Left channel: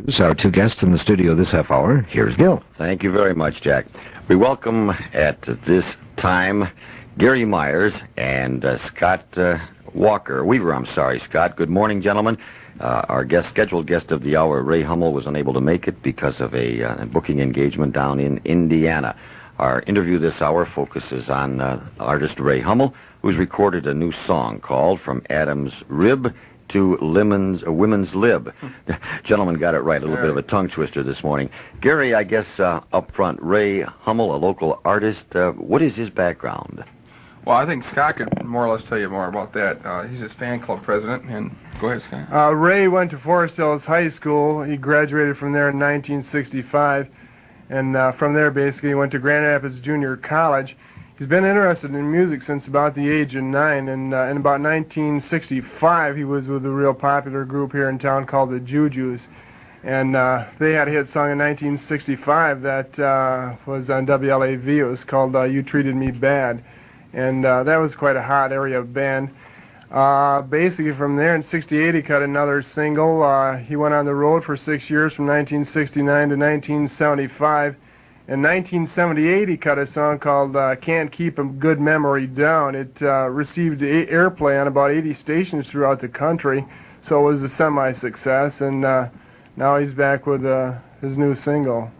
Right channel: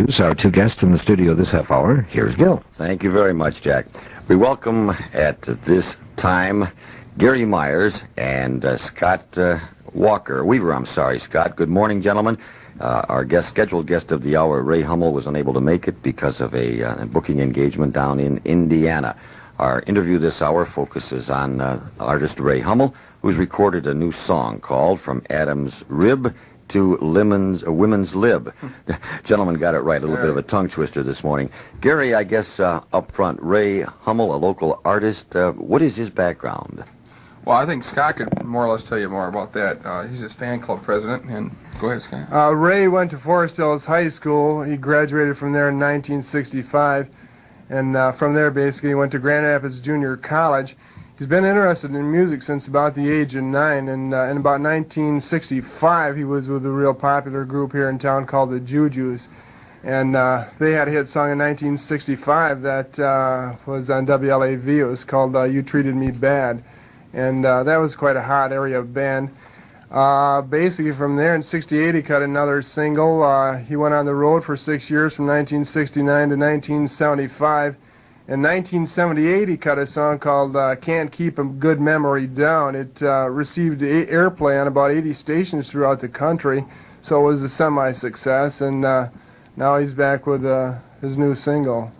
Our two guests in the studio this half hour. Here's Gil. Thank you very much, Jack. We welcome at this time Gary Myers and Scott Weaver. I'm sorry, Scott. Good morning, gentlemen. Our scheduled guest of the hour, Ray Hummel, was unable to make it because of a booking engagement down in Indiana. Our interview this hour focuses on artist Ray Hummel, who's recorded a new song called From Adam's Rib to Women's Lib. Gentlemen got it right. A little bit of a tongue twister this morning. Gary, I guess up front, Ray Hummel, a local artist. What is his background? Well, I think Scott could more or less tell you more about that. He's his fan club president. And go ahead, Scott. Ray went to Forest Hills High School. He graduated from there in 1965. And from there, basically, he went to Grand Rapids Junior College. He's been interested in music since about the age of 9, and in about 1965, he was with a real popular group here in town called the Jujus. And they had a hit song in 1965 that was on WLAV. It was called You Treated Me Bad. And that was quite a hot area band. Basically, from there in 68, he cut another single. He went on the road for 6 years from 1969 to 1975. In 1978, he cut a song called Can't Keep a Good Memory Down. It received airplay on about 80 stations throughout the country, so it was a semi-success, and now he's back with his new single.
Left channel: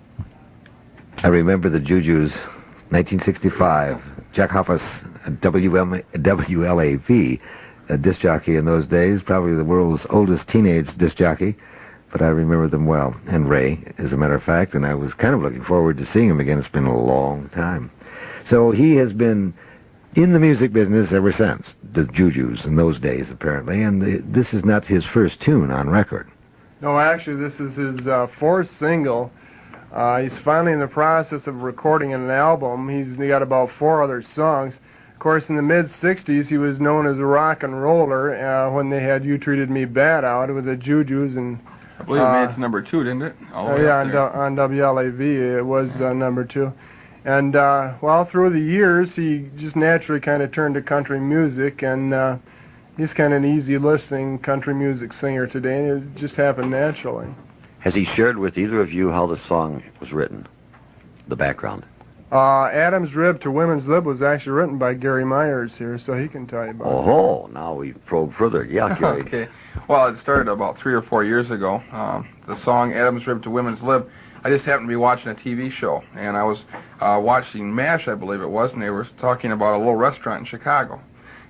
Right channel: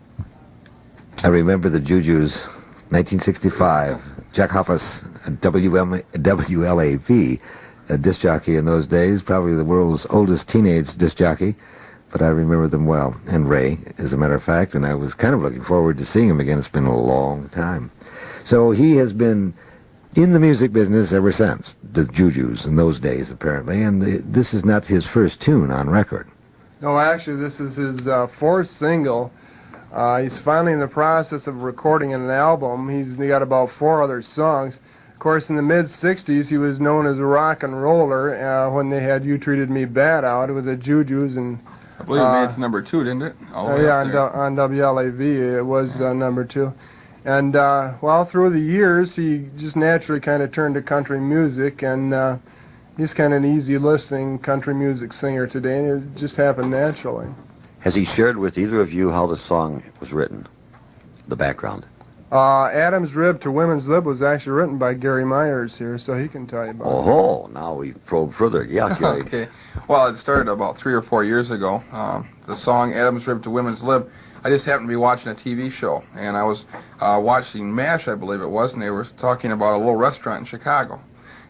I remember the Jujus, 1965. Jack Hoffus, WLAV, a disc jockey in those days, probably the world's oldest teenage disc jockey. But I remember them well, and Ray, as a matter of fact, and I was kind of looking forward to seeing him again. It's been a long time. So he has been in the music business ever since, the Jujus in those days, apparently, and this is not his first tune on record. No, actually, this is his fourth single. He's finally in the process of recording an album. He's got about 4 other songs. Of course, in the mid-'60s, he was known as a rock and roller when they had You Treated Me Bad out with the Jujus, and I believe it made it to number 2, didn't it? Yeah, on WLAV it was number 2. And well, through the years, he just naturally kind of turned to country music, and he's kind of an easy-listening country music singer today, and it just happened naturally. Has he shared with either of you how the song was written, the background? Adam's Rib to Women's Lib was actually written by Gary Myers here, so he can tell you about it. Oh, now we probe further. Yeah, Gary. Okay. Well, it started about 3 or 4 years ago. The song Adam's Rib to Women's Lib, I just happened to be watching a TV show, and I was watching MASH, I believe it was, and they were talking about a little restaurant in Chicago.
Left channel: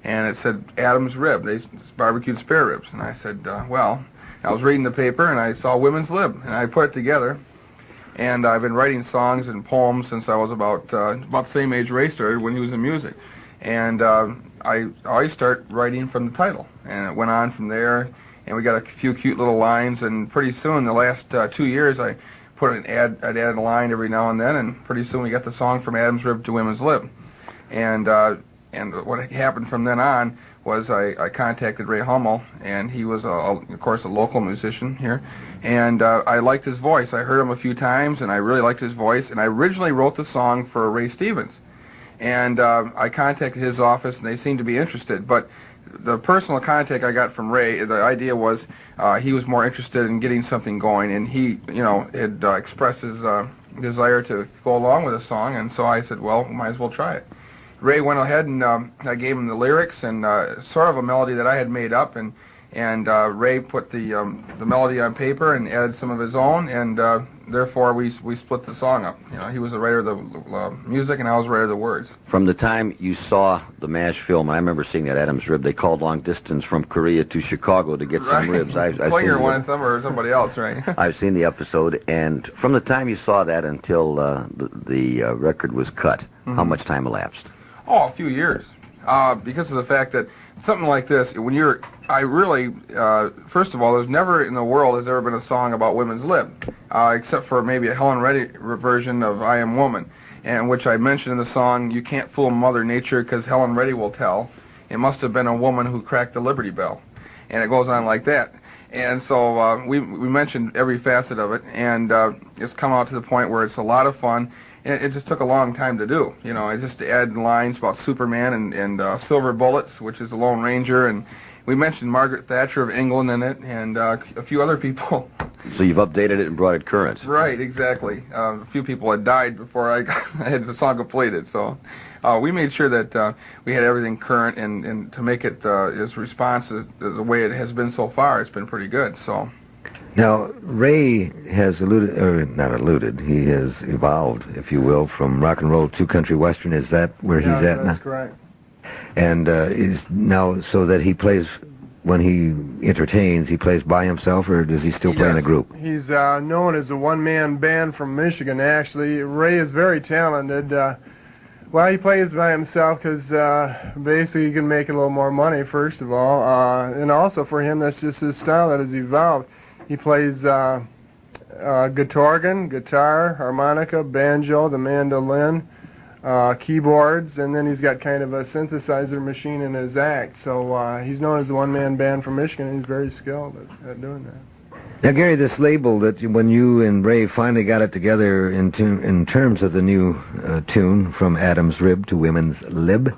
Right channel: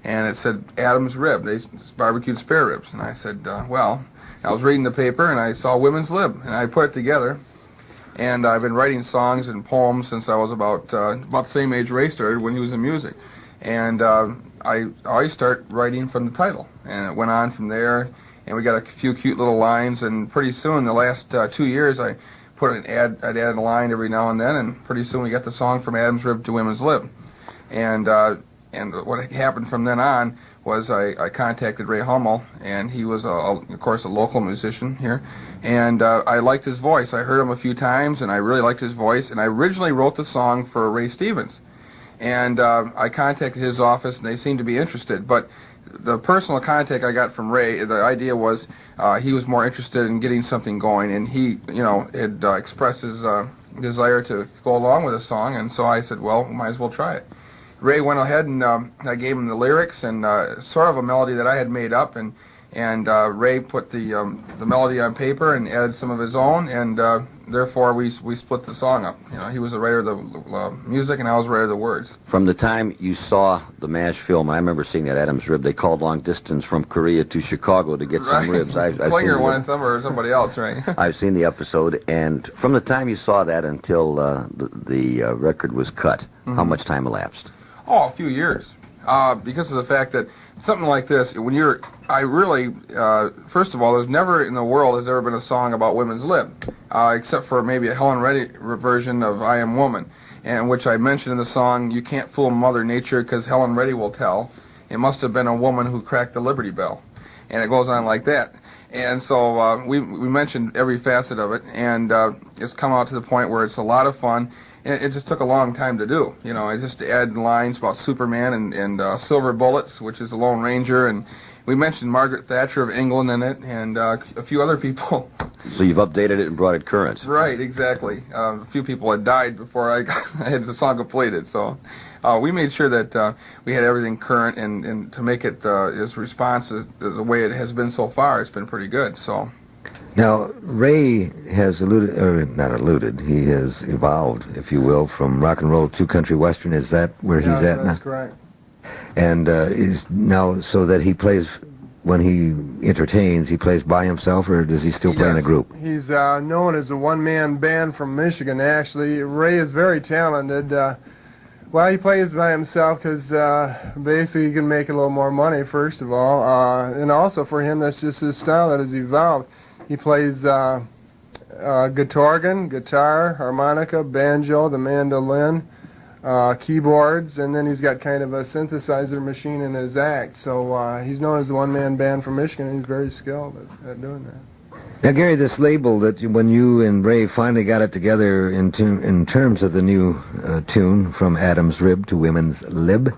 And it said Adam's Rib, they barbecued spare ribs. And I said, well, I was reading the paper, and I saw Women's Lib, and I put it together. And I've been writing songs and poems since I was about the same age Ray started when he was in music. And I always start writing from the title. And it went on from there, and we got a few cute little lines. And pretty soon, the last 2 years, I put I'd add a line every now and then, and pretty soon we got the song From Adam's Rib to Women's Lib. And what happened from then on was I contacted Ray Hummel, and he was, of course, a local musician here, and I liked his voice. I heard him a few times, and I really liked his voice, and I originally wrote the song for Ray Stevens, and I contacted his office, and they seemed to be interested, but the personal contact I got from Ray, the idea was he was more interested in getting something going, and he, had expressed his desire to go along with the song, and so I said, well, we might as well try it. Ray went ahead, and I gave him the lyrics and sort of a melody that I had made up, and Ray put the melody on paper and added some of his own, and therefore we split the song up. He was the writer of the music, and I was the writer of the words. From the time you saw the MASH film, and I remember seeing that Adam's Rib, they called long distance from Korea to Chicago to get some ribs. Klinger wanted some, or somebody else, right? I've seen the episode, and from the time you saw that until the record was cut, how much time elapsed? Oh, a few years. Because of the fact that something like this, first of all, there's never in the world has ever been a song about women's lib, except for maybe a Helen Reddy version of I Am Woman, and which I mentioned in the song, You Can't Fool Mother Nature because Helen Reddy will tell. It must have been a woman who cracked the Liberty Bell. And it goes on like that. And so we mentioned every facet of it, and it's come out to the point where it's a lot of fun. and it just took a long time to do. You know, I just added lines about Superman and Silver Bullets, which is the Lone Ranger, and we mentioned Margaret Thatcher of England in it, and a few other people. So you've updated it and brought it current. Right, exactly. A few people had died before I had the song completed, so we made sure that we had everything current, and to make it as responsive as the way it has been so far, it's been pretty good. So. Now, Ray has alluded, or not alluded, he has evolved, if you will, from rock and roll to country western. Is that where he's at now? That's correct. And is now so that he plays, when he entertains, he plays by himself, or does he still play in a group? He's known as a one-man band from Michigan, actually. Ray is very talented. Well, he plays by himself because basically he can make a little more money, first of all. And also for him, that's just his style that has evolved. He plays guitar, harmonica, banjo, the mandolin, keyboards, and then he's got kind of a synthesizer machine in his act. So he's known as the one-man band from Michigan. He's very skilled at doing that. Now, Gary, this label that when you and Ray finally got it together in terms of the new tune, From Adam's Rib to Women's Lib,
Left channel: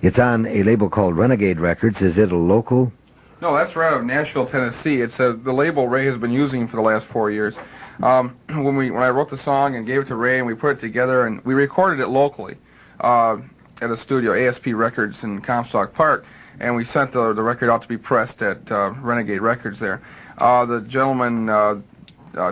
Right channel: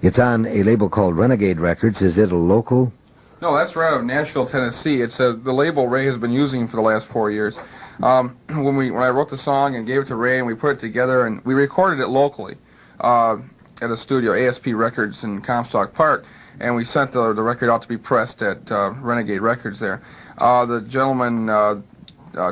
it's on a label called Renegade Records. Is it a local? No, that's right out of Nashville, Tennessee. It's the label Ray has been using for the last 4 years. When I wrote the song and gave it to Ray, and we put it together, and we recorded it locally at a studio, ASP Records in Comstock Park, and we sent the record out to be pressed at Renegade Records there. The gentleman,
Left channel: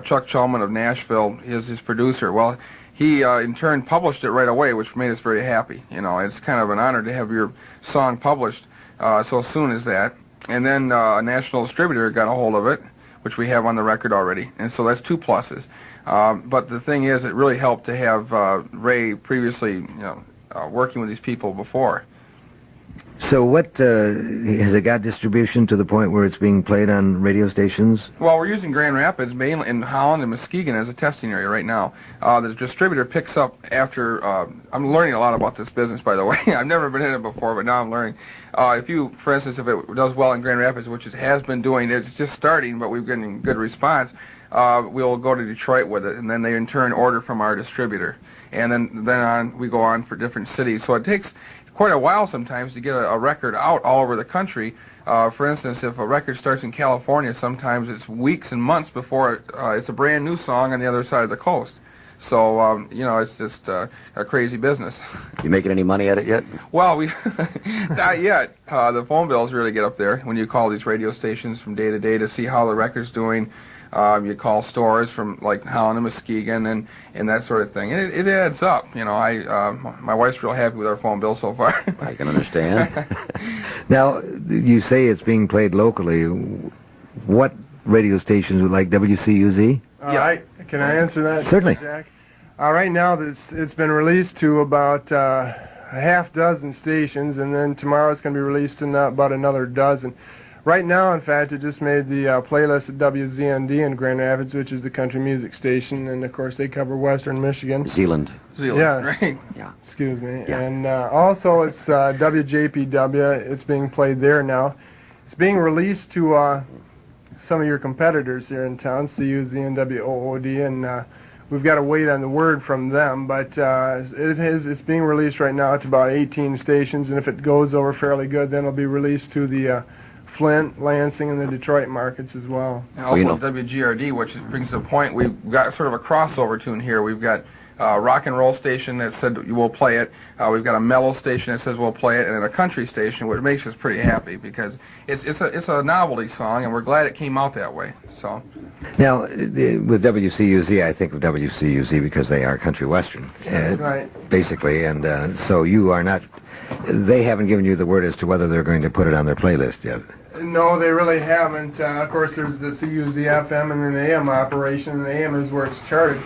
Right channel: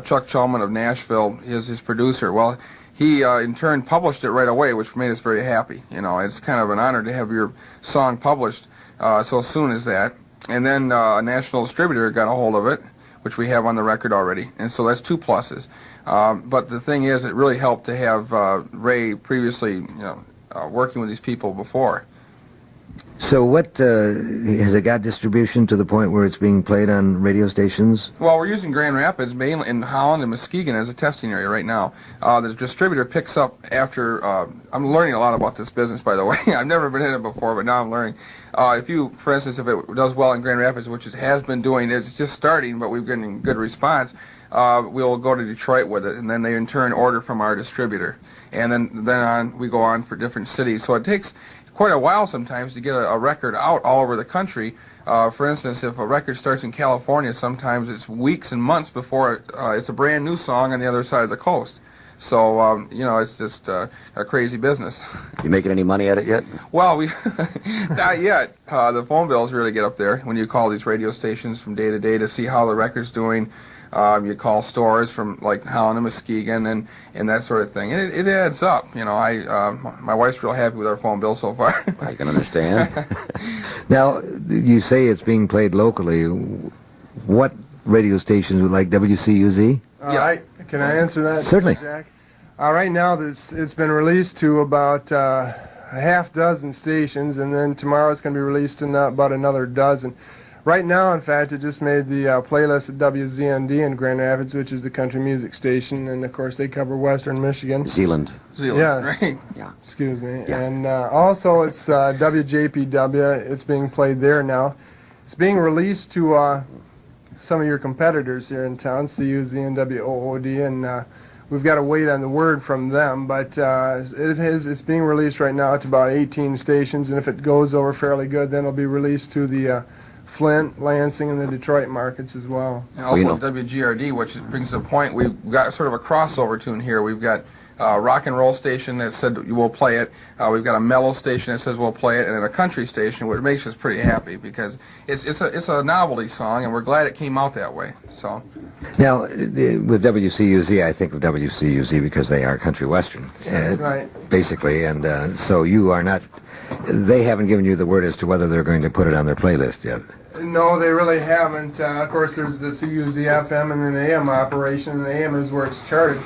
Chuck Chalman of Nashville, is his producer. Well, he in turn published it right away, which made us very happy. You know, it's kind of an honor to have your song published so soon as that. And then a national distributor got a hold of it, which we have on the record already, and so that's 2 pluses. But the thing is, it really helped to have Ray previously, working with these people before. So what, has it got distribution to the point where it's being played on radio stations? Well, we're using Grand Rapids, mainly in Holland and Muskegon as a testing area right now. The distributor picks up after, I'm learning a lot about this business, by the way. I've never been in it before, but now I'm learning. For instance, if it does well in Grand Rapids, which it has been doing, it's just starting, but we've gotten good response, we'll go to Detroit with it, and then they in turn order from our distributor. And then we go on for different cities. So it takes quite a while sometimes to get a record out all over the country. For instance, if a record starts in California, sometimes it's weeks and months before it's a brand new song on the other side of the coast. So, it's just a crazy business. You making any money at it yet? Well, we not yet. The phone bills really get up there when you call these radio stations from day to day to see how the record's doing. You call stores from like Holland and Muskegon and that sort of thing. And it adds up. My wife's real happy with our phone bill so far. I can understand. Now, you say it's being played locally. What radio stations like WCUZ? Yeah. Can I answer that? Certainly. Jack? Right now, it's been released to about a half dozen stations, and then tomorrow it's going to be released to about another dozen. Right now, in fact, it just made the playlist at WZND in Grand Rapids, which is the country music station, and of course they cover Western Michigan. Zealand. Yes. Right. Yeah. Excuse me. Yeah. And also it's WJPW. It's being played there now. It's being released to some of your competitors here in town, CUZ and WOOD, and we've got to wait on the word from them, but it's being released right now to about 18 stations, and if it goes over fairly good, then it'll be released to the Flint, Lansing, and the Detroit markets as well. And also WGRD, which brings the point, we've got sort of a crossover tune here. We've got a rock and roll station that said we'll play it. We've got a mellow station that says we'll play it, and then a country station, which makes us pretty happy because it's a novelty song, and we're glad it came out that way. So Now, with WCUZ, I think of WCUZ because they are country western, Right. basically, and so you are not. They haven't given you the word as to whether they're going to put it on their playlist yet. No, they really haven't. Of course, there's the CUZ-FM and then the AM operation, and the AM is where it's charted.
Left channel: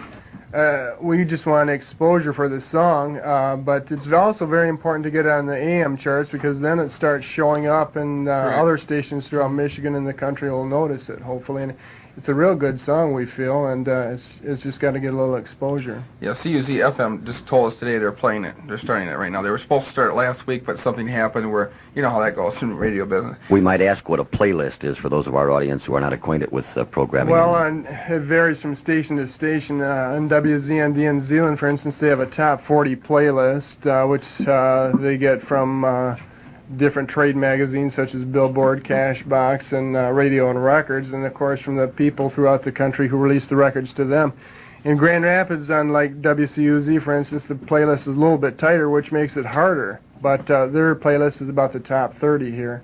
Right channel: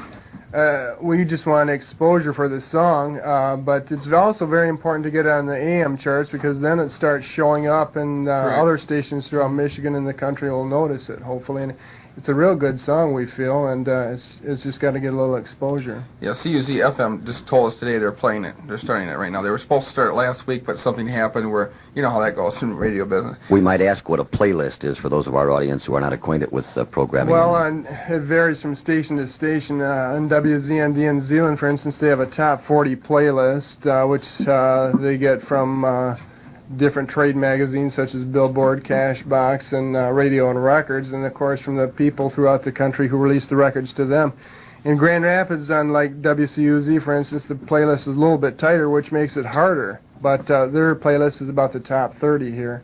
We just want exposure for the song, but it's also very important to get on the AM charts because then it starts showing up and Right. other stations throughout Michigan and the country will notice it, hopefully. And it's a real good song, we feel, and it's just got to get a little exposure. Yeah, CUZ FM just told us today they're playing it. They're starting it right now. They were supposed to start it last week, but something happened where, you know how that goes in the radio business. We might ask what a playlist is for those of our audience who are not acquainted with programming. Well, it varies from station to station. On WZND in Zealand, for instance, they have a top 40 playlist, which they get from different trade magazines such as Billboard, Cashbox, and Radio and Records, and of course from the people throughout the country who release the records to them. In Grand Rapids, unlike WCUZ, for instance, the playlist is a little bit tighter, which makes it harder, but their playlist is about the top 30 here.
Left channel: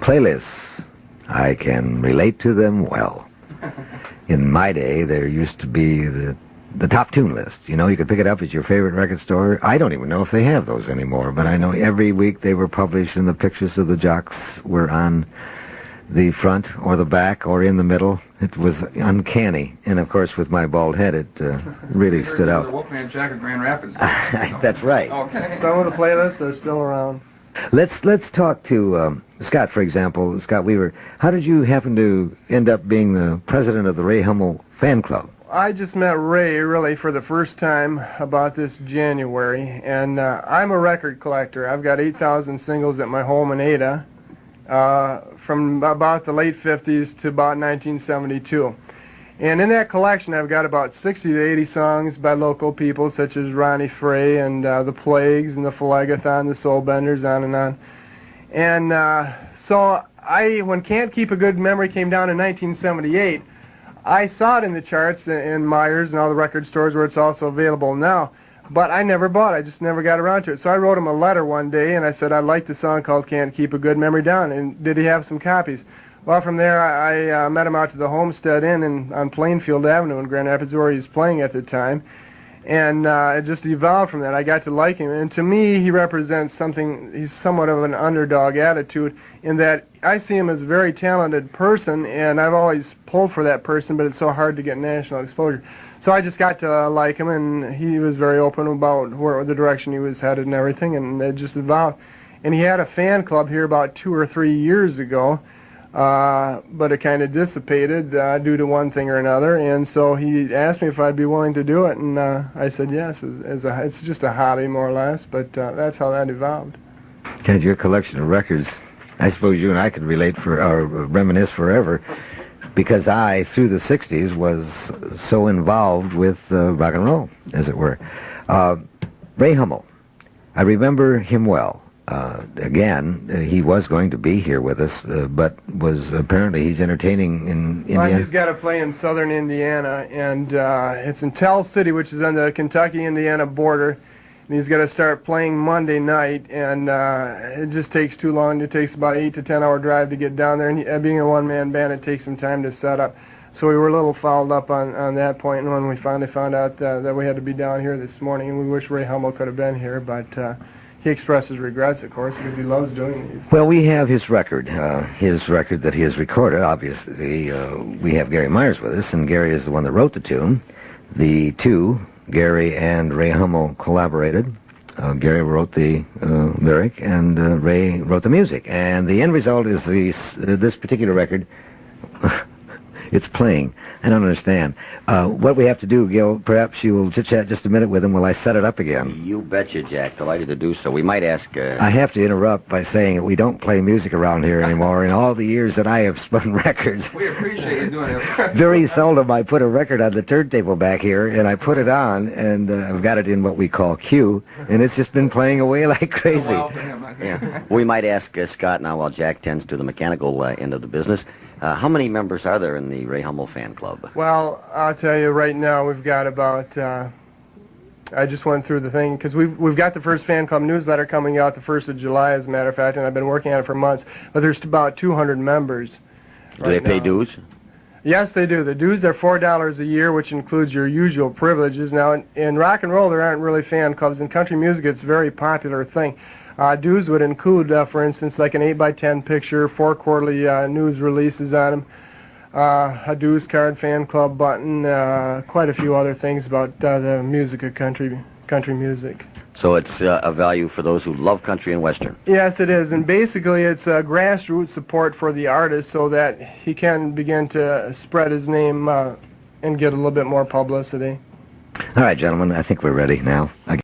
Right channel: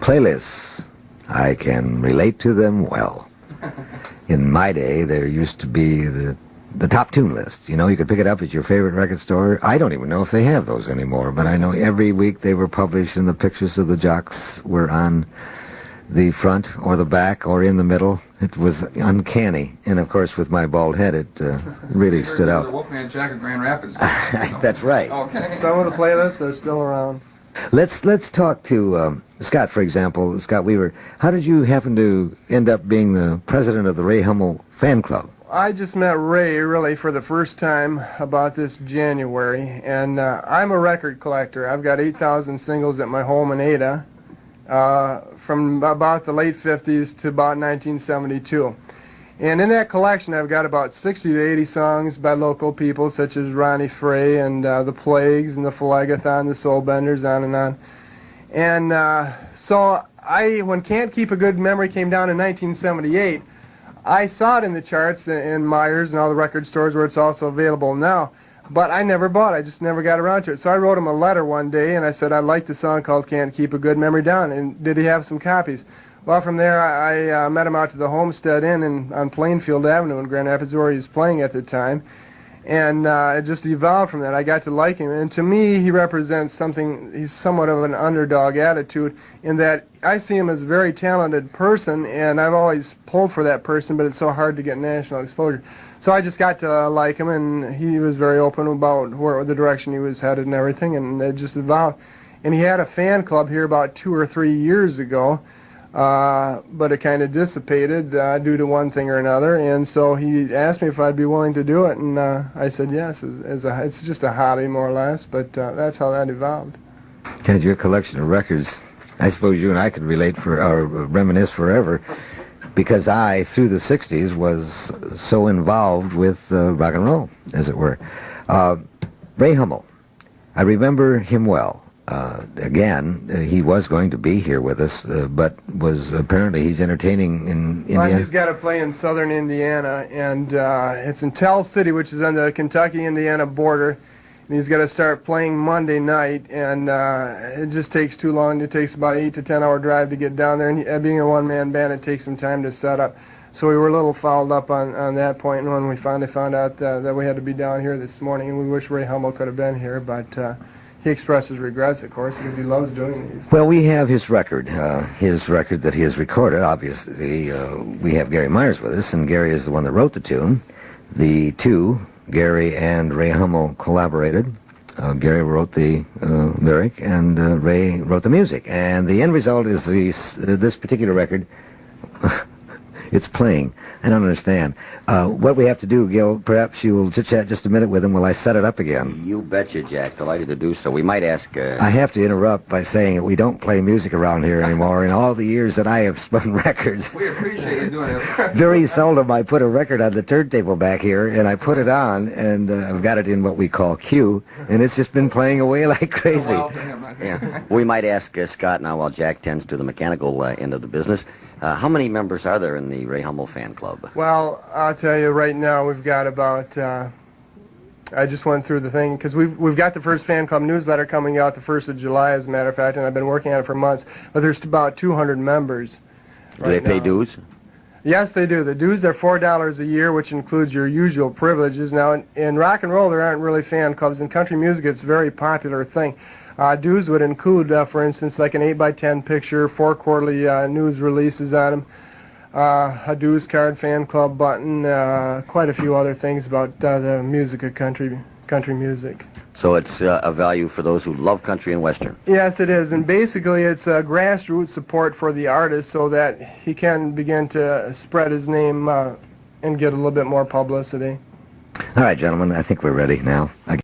Playlists, I can relate to them well. In my day, there used to be the top tune list. You know, you could pick it up at your favorite record store. I don't even know if they have those anymore, but I know every week they were published and the pictures of the jocks were on the front or the back or in the middle. It was uncanny. And, of course, with my bald head, it really stood out. The Wolfman Jack of Grand Rapids. That's right. Okay. Some of the playlists are still around. Let's talk to Scott, for example. Scott Weaver, how did you happen to end up being the president of the Ray Hummel fan club? I just met Ray really for the first time about this January, and I'm a record collector. I've got 8,000 singles at my home in Ada from about the late 50s to about 1972. And in that collection, I've got about 60 to 80 songs by local people such as Ronnie Frey and the Plagues and the Phlegethon, the Soul Benders, on and on. And so when Can't Keep a Good Memory came down in 1978, I saw it in the charts in Myers and all the record stores where it's also available now, but I never bought it. I just never got around to it. So I wrote him a letter one day, and I said I liked the song called Can't Keep a Good Memory Down, and did he have some copies? Well, from there, I met him out to the Homestead Inn on Plainfield Avenue in Grand Rapids, where he was playing at the time, and it just evolved from that. I got to like him, and to me, he represents something. He's somewhat of an underdog attitude in that I see him as a very talented person, and I've always pulled for that person, but it's so hard to get national exposure. So I just got to like him, and he was very open about where the direction he was headed and everything, and it just evolved. And he had a fan club here about 2 or 3 years ago, but it kind of dissipated due to one thing or another, and so he asked me if I'd be willing to do it, and I said yes. It's just a hobby, more or less, but that's how that evolved. Ted, your collection of records, I suppose you and I could relate or reminisce forever, because I, through the 60s, was so involved with rock and roll, as it were. Ray Hummel, I remember him well. Again, he was going to be here with us, but he's entertaining in Indiana. Well, he's got to play in southern Indiana, and it's in Tell City, which is on the Kentucky-Indiana border. And he's got to start playing Monday night, and it just takes too long. It takes about 8 to 10 hour drive to get down there, and being a one-man band, it takes some time to set up. So we were a little fouled up on that point, and when we finally found out that we had to be down here this morning, and we wish Ray Hummel could have been here, but he expressed his regrets, of course, because he loves doing these. Well, we have his record that he has recorded, obviously. We have Gary Myers with us, and Gary is the one that wrote the tune. The two, Gary and Ray Hummel, collaborated. Gary wrote the lyric, and Ray wrote the music. And the end result is this particular record. It's playing. I don't understand. What we have to do, Gil, perhaps you'll chit-chat just a minute with him while I set it up again. You betcha, Jack. Delighted to do so. We might ask... I have to interrupt by saying that we don't play music around here anymore. In all the years that I have spun records, We appreciate you doing it. very seldom I put a record on the turntable back here, and I put it on, and I've got it in what we call Q, and it's just been playing away like crazy. Yeah. We might ask Scott now, while Jack tends to the mechanical end of the business. How many members are there in the Ray Hummel fan club? Well, I'll tell you right now, we've got about, I just went through the thing, because we've got the first fan club newsletter coming out the 1st of July, as a matter of fact, and I've been working on it for months, but there's about 200 members. Do they pay dues? Yes, they do. The dues are $4 a year, which includes your usual privileges. Now, in rock and roll, there aren't really fan clubs. In country music, it's a very popular thing. Dues would include, for instance, like an 8x10 picture, 4 quarterly news releases on them, a dues card, fan club button, quite a few other things about the music of country country music. So it's a value for those who love country and western. Yes, it is, and basically it's a grassroots support for the artist so that he can begin to spread his name and get a little bit more publicity. All right, gentlemen, I think we're ready now.